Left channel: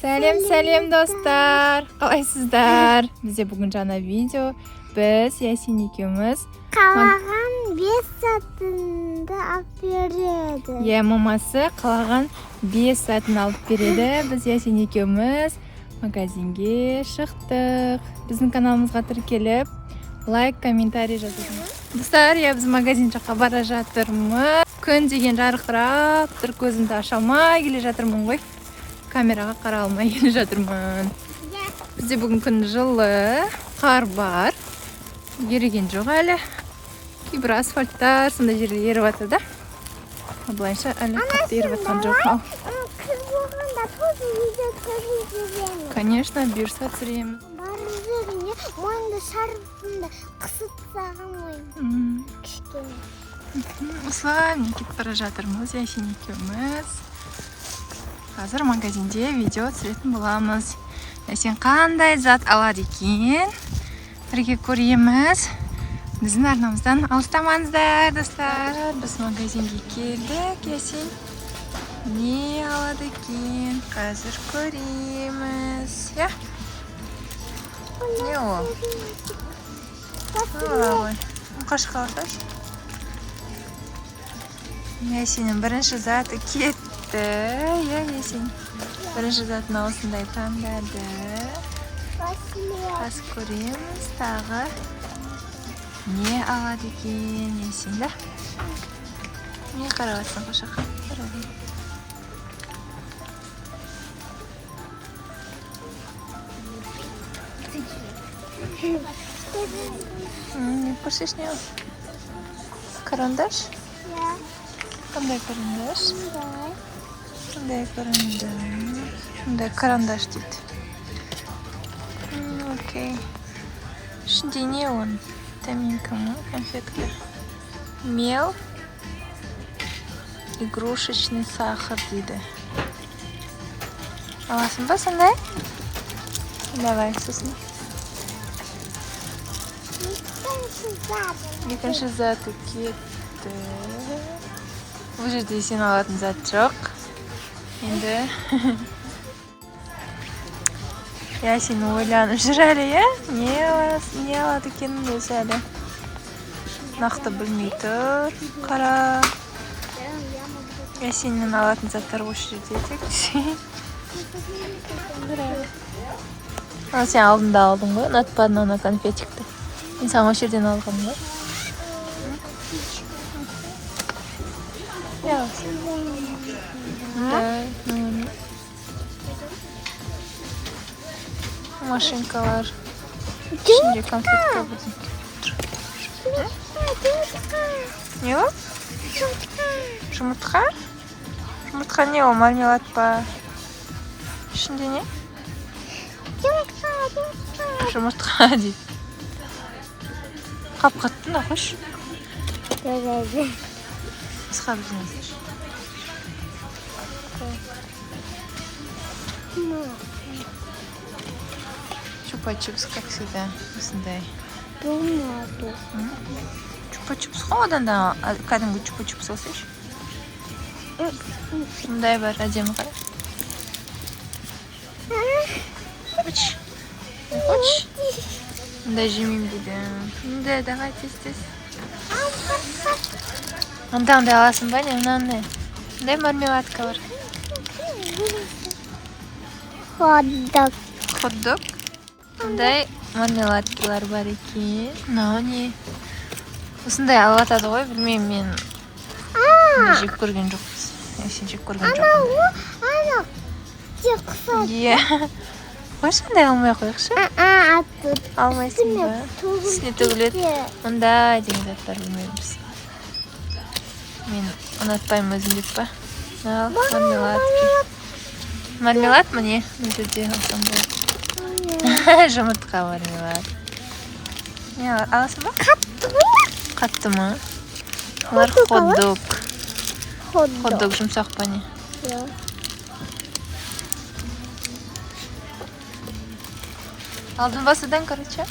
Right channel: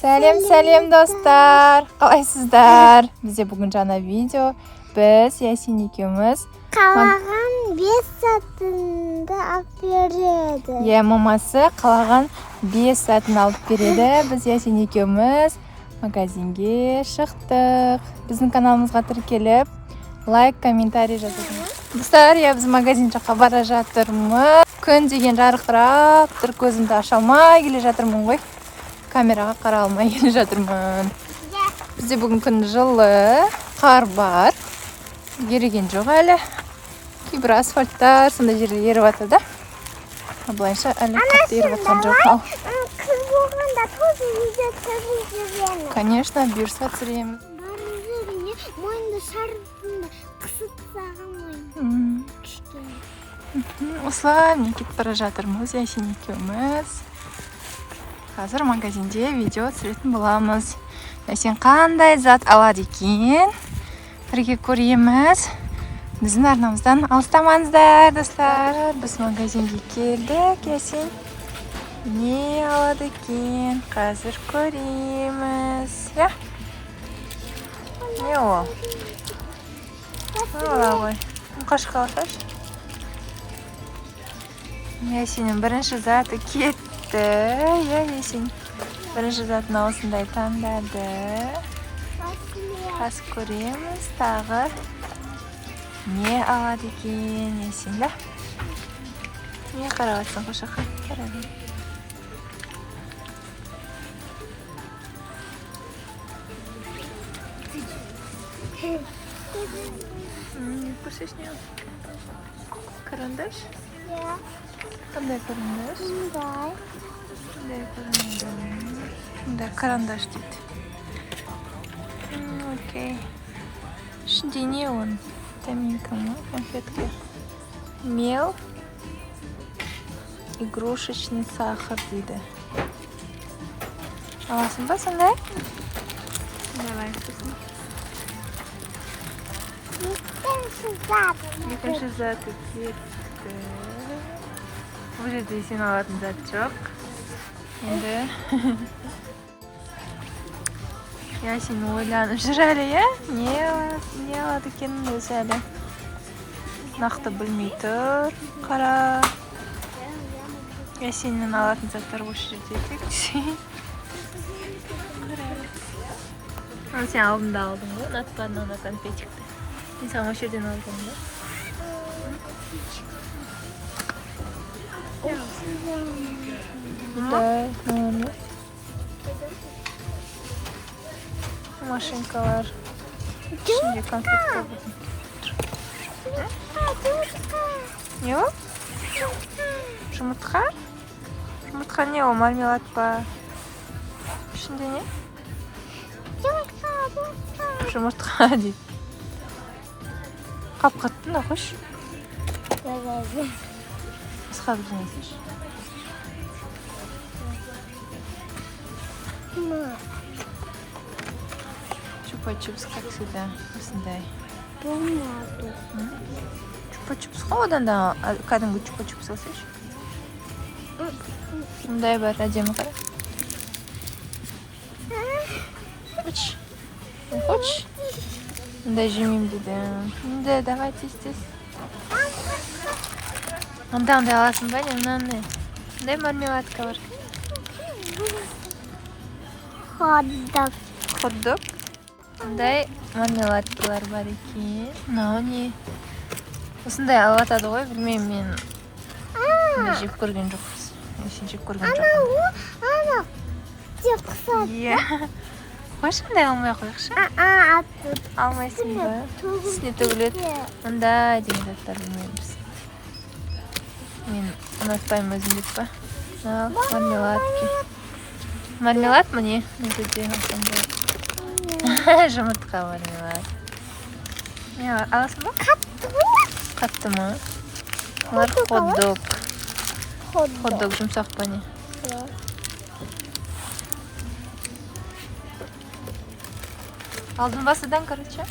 Сәлем достар. Қалайсыздар? Бізде бүгін жаңа видео. Біз Ясин екеуміз қалаған 5 сатынды алып береді. Мамасы қалаған 5 сатын алып береді. Біз Ясин екеуміз магазинге шықтық. Біздің каналымызға тіркеліп, лайк, комментарий жазыңыз. Достар, біз магазин жаққа бара жатырмыз. Күн деген жарқырап тұр, көзімді аша алмай келе жатырмын ғой. Камераға қара алмай келе жатырмын. Бізде бүгін күн жылы, қар бар. Еріген жоқ әлі. Кейбір асфальттар сондай жерде еріп жатыр да. Былайша әлі қатты еріп жатқан жоқ. Күз болғанда көз видео түсіреміз. Конечно, бұйырса түсіреміз. Бар жеріне мойынды шарфында қысып тастаған мойын. Осылай мен кетіп бара жатырмыз, Ясин екеуміз. Қазір магазинде видео түсіретін боламыз. Ясин қандай зат алады екен? Бірге көреміз. Біздің арнамыздан алыстамаңыздар, достар. Біз магазинге келдік. Ясин не алады екен? Қазір көреміз. Не ол? Ола ғой. Қашқа алсаш? Ясиннің бірінші заты кетті. Ясин бірінші затын осындай таңдады. Қас көреміз тағы. Не алады екен Ясин, да? Не қарағатсың қошақа? Қарағын. Көрсеш не ол? Карандаш? Қандай карандаш? Қандай карандаш? Қандай карандаш дейді. Окей. Ішінде не он? Таминка ма? Конфетка. Мел. Игрушечный сахар дейді. Аласың ба сондай? Давай, сосын. Екінші заты кетті. Бұл жерде сен алатын зат жоқ. Енді Ясин ойланып жүр әлі, не алады екен өзі әлі. Нақты білмей тұр. Қара. Ясиннің алатын заттар осы жерде тек. Ал сен алдында алдың ғой, ұнатпадың ана конфетикті. Мен саған осы жерден алғам ба? Да, машинкалар. İçinde konfetка будем. Не ол? Жұмыртқа? Жұмыртқа не ол? Мармелад па? İçinde не? Жұмыртқа дейді. Қап-қаттың да қош. Басқа бізден алсаш. Чупа-чупс, как всегда, осындай. Чупа-чупс қой, одан да кәдімгі чупа-чупс алсаш. Мұндай бар, әдемі қара. Хочешь? Не хочешь? Мұндай жемейм дейді. Мұндай, давай тез-тез. Мұндай аласың ба, не? Мұндай. Мұндай мармеладка бар. Хот-дог. Мұндай мармеладкалар бар екен. Мынау не? Осындай алып атады ғой, білмеймін мен. Мұндай жеп көрген жоқпыз. Сен жеп көрген жоқпын. Қойшы, мұндай алмай қойықшы? Алмайсың ба? Үстіне төгіледі. Мұндай деген заттар білмейміз. Мен ұнатпаймын өзім деп па? Ал, мармеладки. Мармелад ма не? Бұл жерде алсам болады. Жұмыртқа мармелад. Не аласың ба? Қатты ма? Олар хот-дог. Хот-дог жұмсақ па не? Алдың ба содан, короче?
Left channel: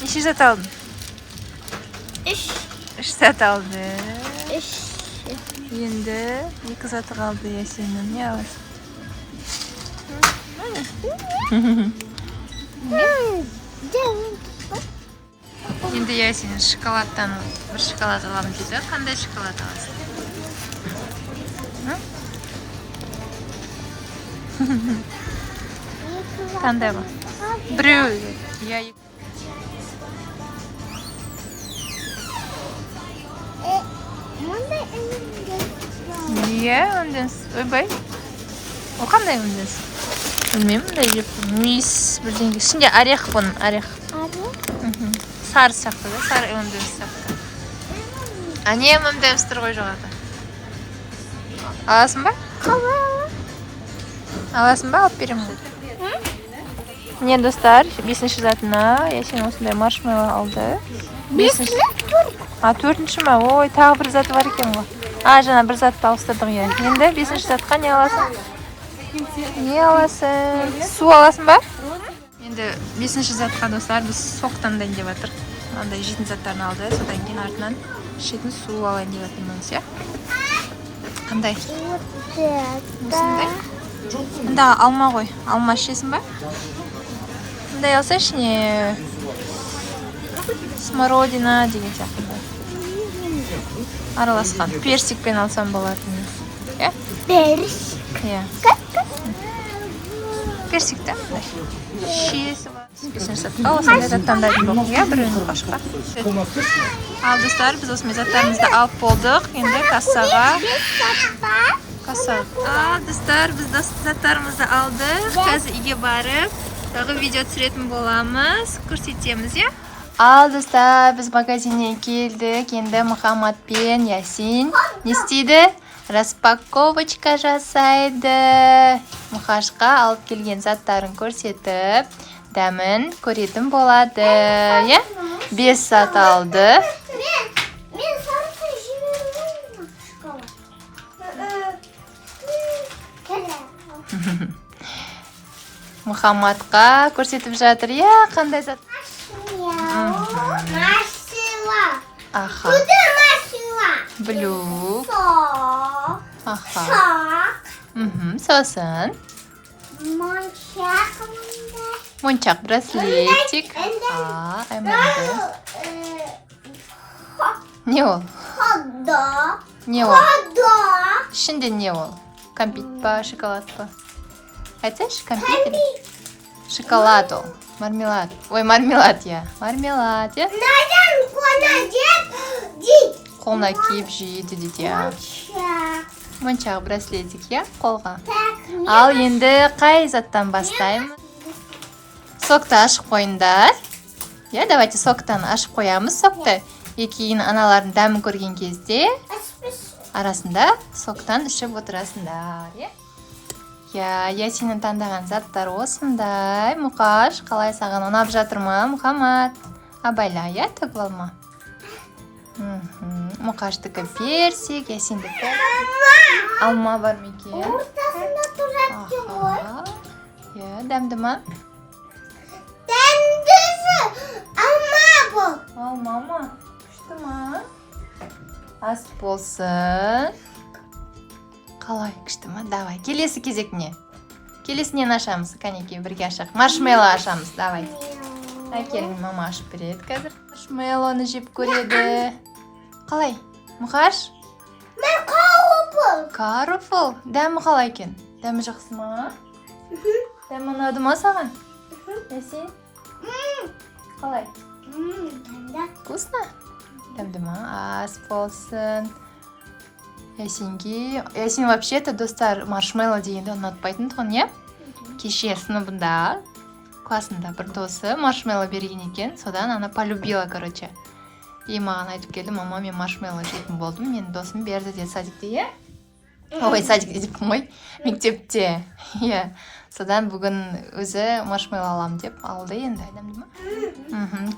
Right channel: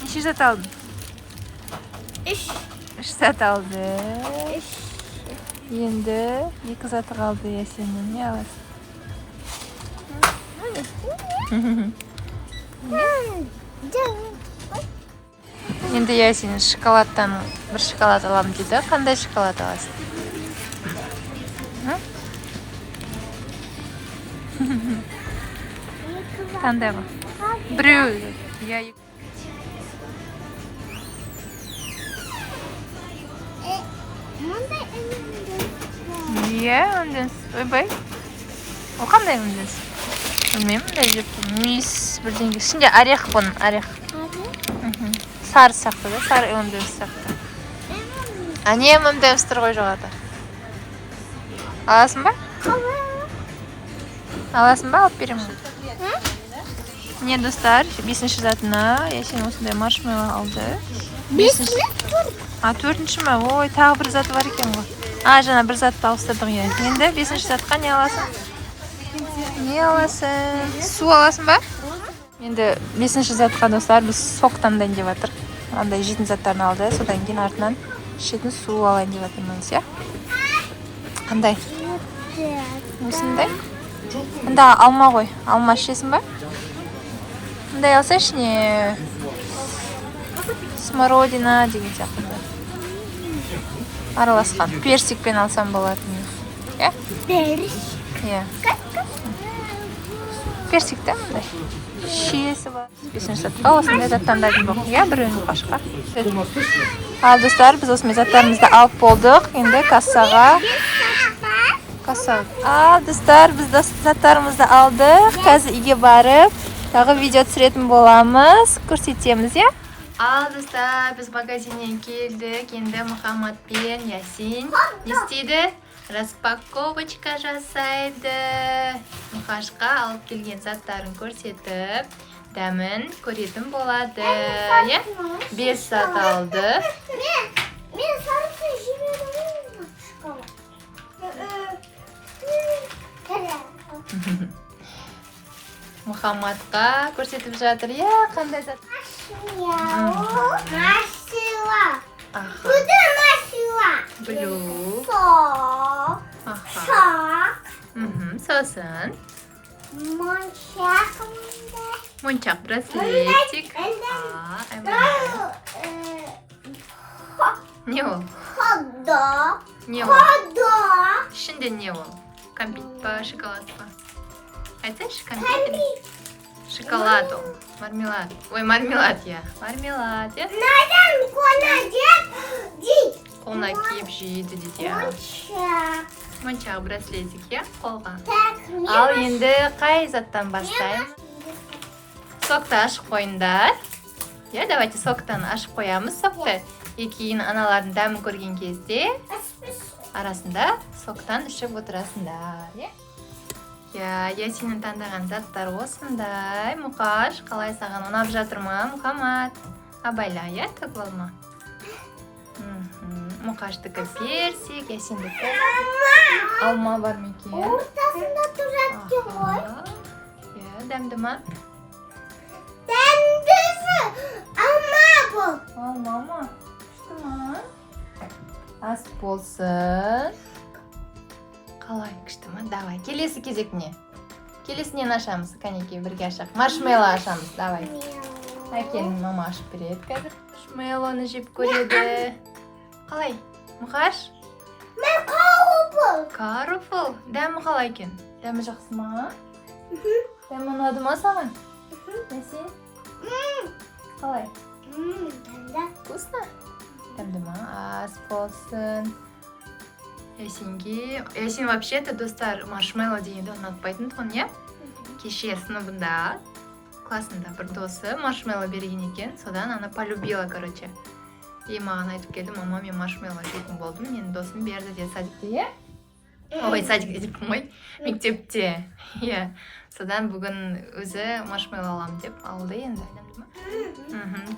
Неше зат алдың? 3 зат алды. Енді 2 заты қалды Ясиннің. Не аласың? Енді Ясин шоколадтан бір шоколад аламын дейді. Қандай шоколад аласың? Қандай ма? Біреу. Иә, өнденсіз. Ойбай. Ол қандай өнденсіз? Білмеймін, да жеп. Мис бірдеңге. Ішінде орех бұның, орех. Сары сияқты да, сары өнденсіз сияқты. Әне өнденсіз тұр ғой жоғарда. Аласың ба? Аласың ба? Алып беремін. Міне достар, 5-ші затына Ясин осындай маршмеллоу алды. 5-ші? 4-ші ма? Ой, тағы бір зат бар екен ғой. Жаңа бір затты алыстырдық иә. Енді 5-ші затқа не аласың? Не аласың? Су аласың ба? Енді 5-ші затқа достар біз сок таңдайын деп жатыр. Андай жейтін заттарын алды. Содан кейін артынан ішетін су алайын деп жатырмыз, иә? Қандай? Осындай? Анда алма ғой. Алма ішесің ба? Мындай алса ішіне смородина деген сияқты. Араласқан. Персикпен алсам болады. Иә? Персик. Иә. Персик та мындай. Шиесі бар. 5-ші затқа осындай заттан дайын болдық. Иә, бір өнім қашқа. Ал достар, біз осындай заттарымызды алып болдық. Енді кассаға. Ал достар, біз заттарымызды алдық. Қазір үйге барып, тағы видео түсіретін боламыз. Көрсетеміз, иә? Ал достар, біз магазиннен келдік. Енді Мұхаммад пен Ясин не істейді? Распаковочка жасайды. Мұхашқа алып келген заттарын көрсетіп, дәмін көретін болады. 5 зат алды. Мен сарысы жібермеймін. Мұхаммадқа көрсетіп жатыр. Қандай зат? Масила. Аха. Бұда масила. Блю. Сок. Аха. Сок. Сосын. Моншақ. Моншақ браслетик. Не ол? Ходок. Не ол? Ходок. Ішінде не ол? Кәмпит па, шоколад па? Айтсайшы, кәмпит? Шоколад ол. Мармелад. Ой, мармелад, иә. Мармелад, иә? Надан қолына жеп дейді. Қолына киіп жейді дейді, иә. Моншақ. Моншақ браслетик, иә? Қолға. Так, Ал енді қай заттан бастаймыз? Сокты ашып қойыңдар. Иә, давайте соктан ашып қоямыз сокты. Кейін аналардың дәмін көрген кезде арасында соктан ішіп отырасыңдар, иә? Ясиннің таңдаған заттар осындай. Мұқаш, қалай саған ұнап жатыр ма, Мұхаммад? Абайла, иә, төгіп алма. Мұқаштікі персик, Ясиндікі алма бар мекен. Ортасында тұрады ғой. Дәмді ма? Дәмдісі алма бұл. Алма ма? Күшті ма? Ас болсын. Қалай күшті ма? Давай, келесі кезек не? Келесінен ашамыз, кәнекей бірге ашақ. Маршмеллоу ашамыз, давай. Әкелін мама ашып береді қазір. Маршмеллоуны жеп көреді. Қалай? Мұқаш? Мен қаруфыл. Қаруфыл? Дәмі қалай екен? Дәмі жақсы ма? Дәмі ұнады ма саған? Ясин? Қалай? Дәмді. Вкусно? Дәмді ма? Ас болсын. Ясин вообще-то достар маршмеллоу дегенді ұнатпайтын тұғын, не? Кеше сыныбында классында бір досы маршмеллоу берген екен, содан она полюбила, короче. И маған айтып келді, мама, мен маршмеллоу жейтін болдым, мен досым берді де садикте, ой, садикте деппін ғой, мектепте. Содан бүгін өзі маршмеллоу алам деп алды енді.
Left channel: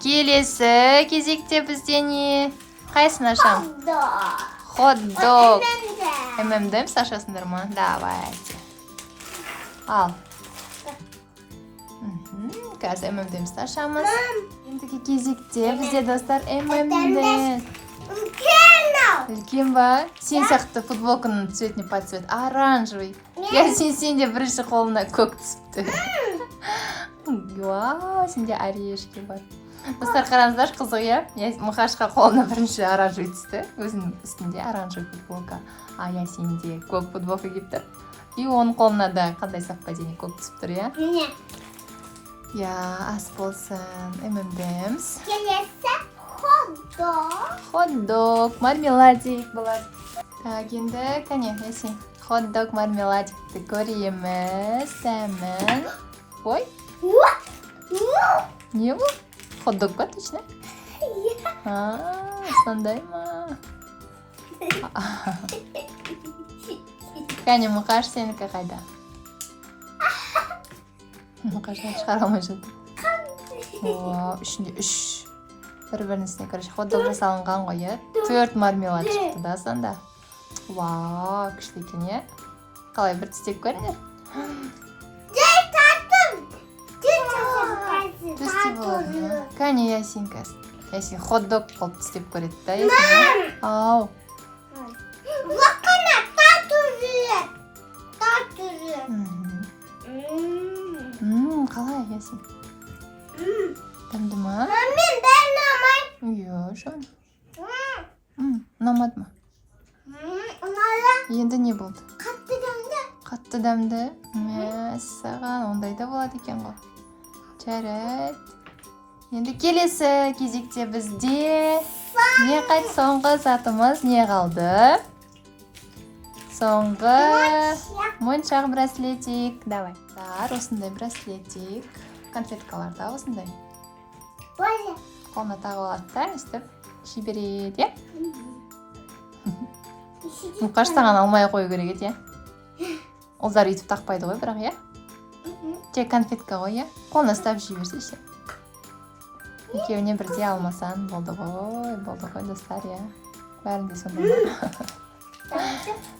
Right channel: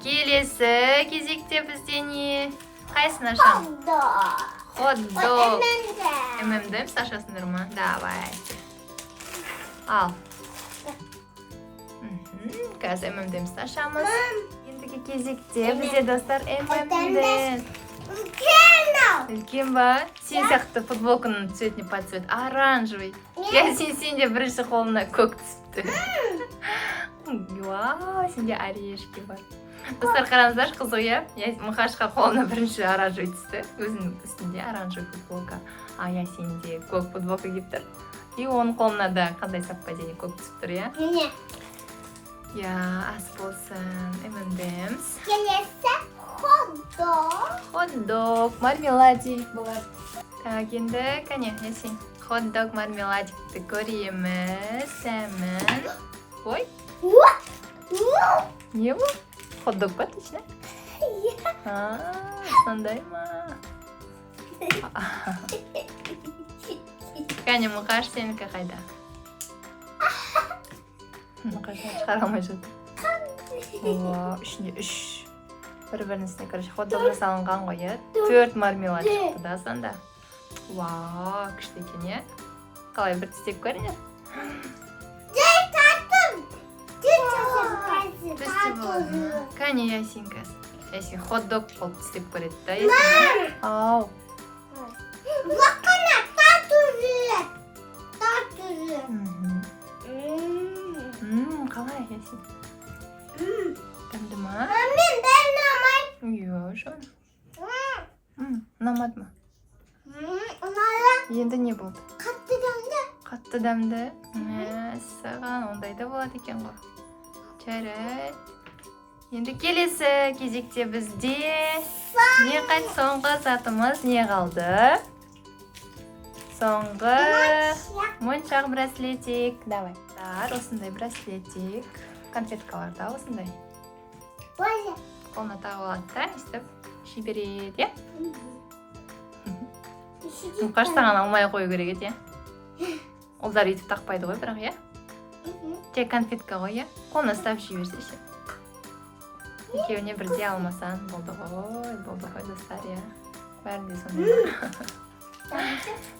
Келесі кезекте бізде не? Қайсын ашам? Хот-дог. ММДМ ашасыңдар ма? Давай. Ал. Қазір ММДМ ашамыз. Ендігі кезекте бізде достар ММДМ. үлкен ба? Сен сияқты футболканың цветіне под цвет оранжевый. Сен де бірінші қолына көк түсіпті. Вау, сенде орешки бар. Достар, қараңыздар, қызық, иә? Мұқашқа қолына бірінші оранжевый түсті. Өзінің үстінде оранжевый футболка. Сенде көк футболка киіп тұр. И оның қолына да қандай совпадение көк түсіп тұр, иә? Міне. Ас болсын, M&M's. Келесі хот-дог. Хот-дог, мармеладик болады. Так, енді, кәне, Ясин. Хот-дог, мармеладикті көреміз. Сәмін. Ой, не бұл? Хот-дог ба, точно? Сондай ма? Кәне, Мұқаш, сенікі қайда? Мұқашты шығара алмай жатыр. Ішінде үш. Бір-бірінің үстіне, короче, хот-дог жасалынған ғой, иә? 4 мармелад шықты да, сонда. Вау, күшті екен, иә? Қалай, бір тістеп көріңдер? Кәне, Ясинка. Ясин хот-дог қол тістеп көреді да, Ясин? Ау. Бақана, тату жүрет. Тату жүрет. Қалай, Ясин? Дәмді ма? Мен бәрін алмай. Жөн. Ұнамады ма? Ұнады. Енді не болды? Қатты дәмді. Қатты дәмді. Мәссаған, ондай да болады екен ғой. Жарайды. Енді келесі кезекте бізде не қайт соңғы затымыз не қалды? Соңғы моншақ браслетик. Давай. Осындай браслетик. Конфеткалар да осындай. Боже. Қолына тағып алады да, өстіп жібереді, иә? Мұқаш саған алмай қою керек еді, иә? Олдар өйтіп тақпайды ғой, бірақ, иә? Тек конфетка ғой, иә? Қолына ұстап жіберсе ше. Екеуіне бірде алмасан, болды ғой, достар, иә? Бәрінде сонда.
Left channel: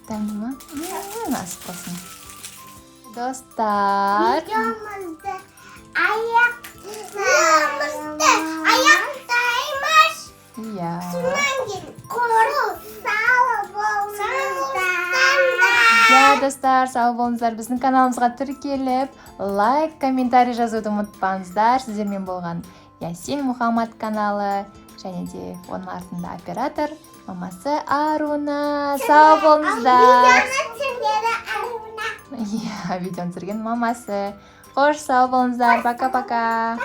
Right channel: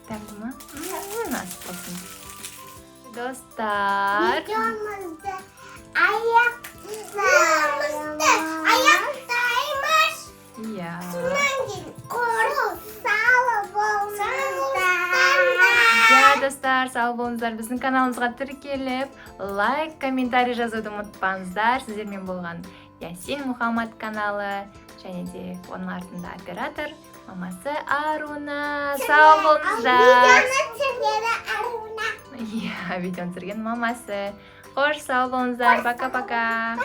Дәмді ма? Насып болсын. Достар. Видеомызды аяқтаймыз. Иә. Сонан кейін сау болыңыздар. Иә, достар, сау болыңыздар. Біздің каналымызға тіркеліп, лайк, комментарий жазуды ұмытпаңыздар. Сіздермен болған Ясин Мұхаммад каналы, және де оның артында оператор, мамасы Аруна. Сау болыңыздар. Видеоны түсіргені Аруна. Иә, видеоны түсірген мамасы. Қош, сау болыңыздар. Пока-пока.